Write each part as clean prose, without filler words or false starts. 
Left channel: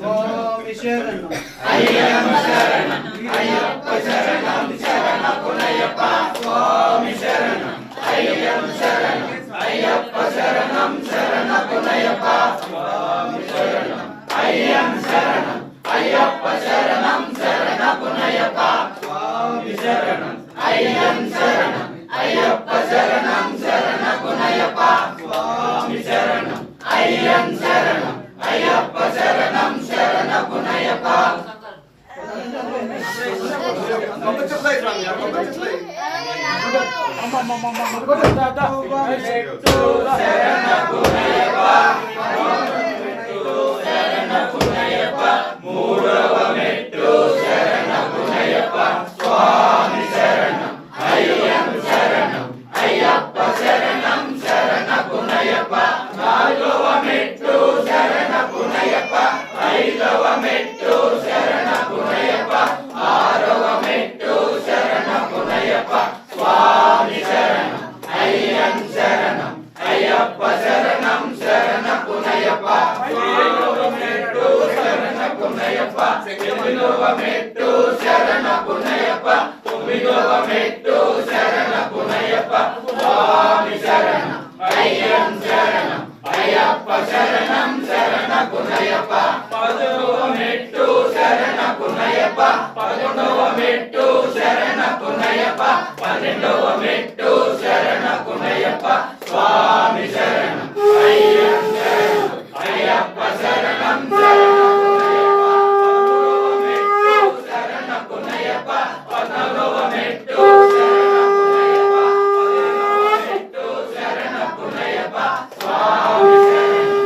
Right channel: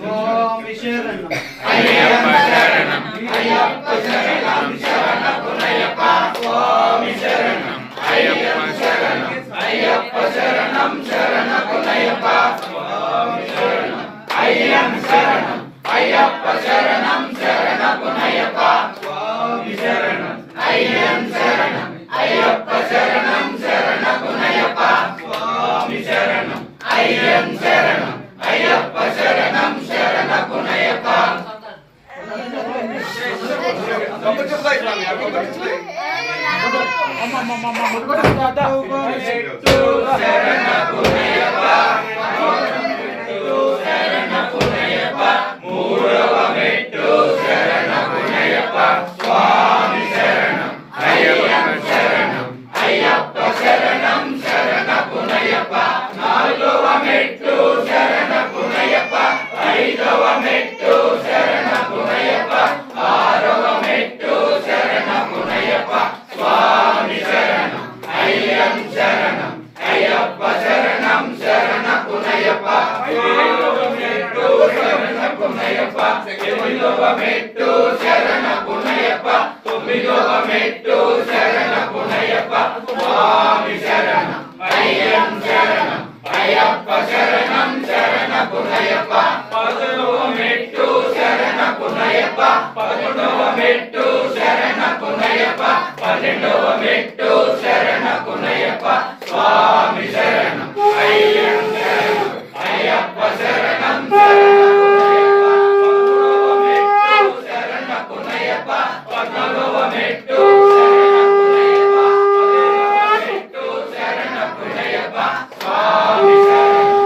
స్వామి శరణం అయ్యప్ప శరణం అయ్యప్ప శరణం శరణపునయ్యప్ప స్వామి శరణం అయ్యప్ప శరణం అయ్యప్ప శరణం శరణపునయ్యప్ప స్వామి శరణం అయ్యప్ప శరణం అయ్యప్ప శరణం శరణపునయ్యప్ప స్వామి శరణం అయ్యప్ప శరణం అయ్యప్ప శరణం శరణపునయ్యప్ప స్వామి శరణం అయ్యప్ప శరణం అయ్యప్ప శరణం శరణపునయ్యప్ప మూడవ మెట్టు శరణపునయ్యప్ప స్వామి శరణం అయ్యప్ప శరణం అయ్యప్ప శరణం శరణపునయ్యప్ప నాలుగవ మెట్టు శరణపునయ్యప్ప ఐదవ మెట్టు శరణపునయ్యప్ప ఆరవ మెట్టు శరణపునయ్యప్ప స్వామి శరణం అయ్యప్ప శరణం అయ్యప్ప శరణం శరణపునయ్యప్ప ఏడవ మెట్టు శరణపునయ్యప్ప ఎనిమిదవ మెట్టు శరణపునయ్యప్ప తొమ్మిదవ మెట్టు శరణపునయ్యప్ప స్వామి శరణం అయ్యప్ప శరణం అయ్యప్ప శరణం శరణపునయ్యప్ప పదవ మెట్టు శరణపునయ్యప్ప పదకొండవ మెట్టు శరణపునయ్యప్ప పన్నెండవ మెట్టు శరణపునయ్యప్ప స్వామి శరణం అయ్యప్ప శరణం అయ్యప్ప శరణం శరణపునయ్యప్ప పద్నాలుగవ మెట్టు శరణపునయ్యప్ప స్వామి శరణం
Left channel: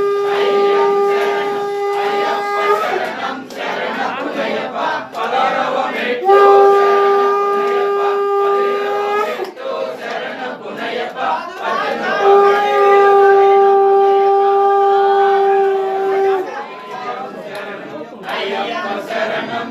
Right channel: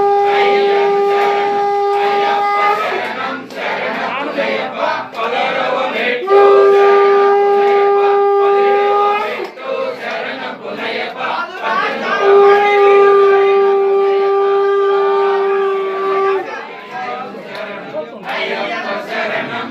అయ్యప్ప శరణం శరణపునయ్యప్ప పదహారవ మెట్టు శరణపునయ్యప్ప అయ్యప్ప శరణం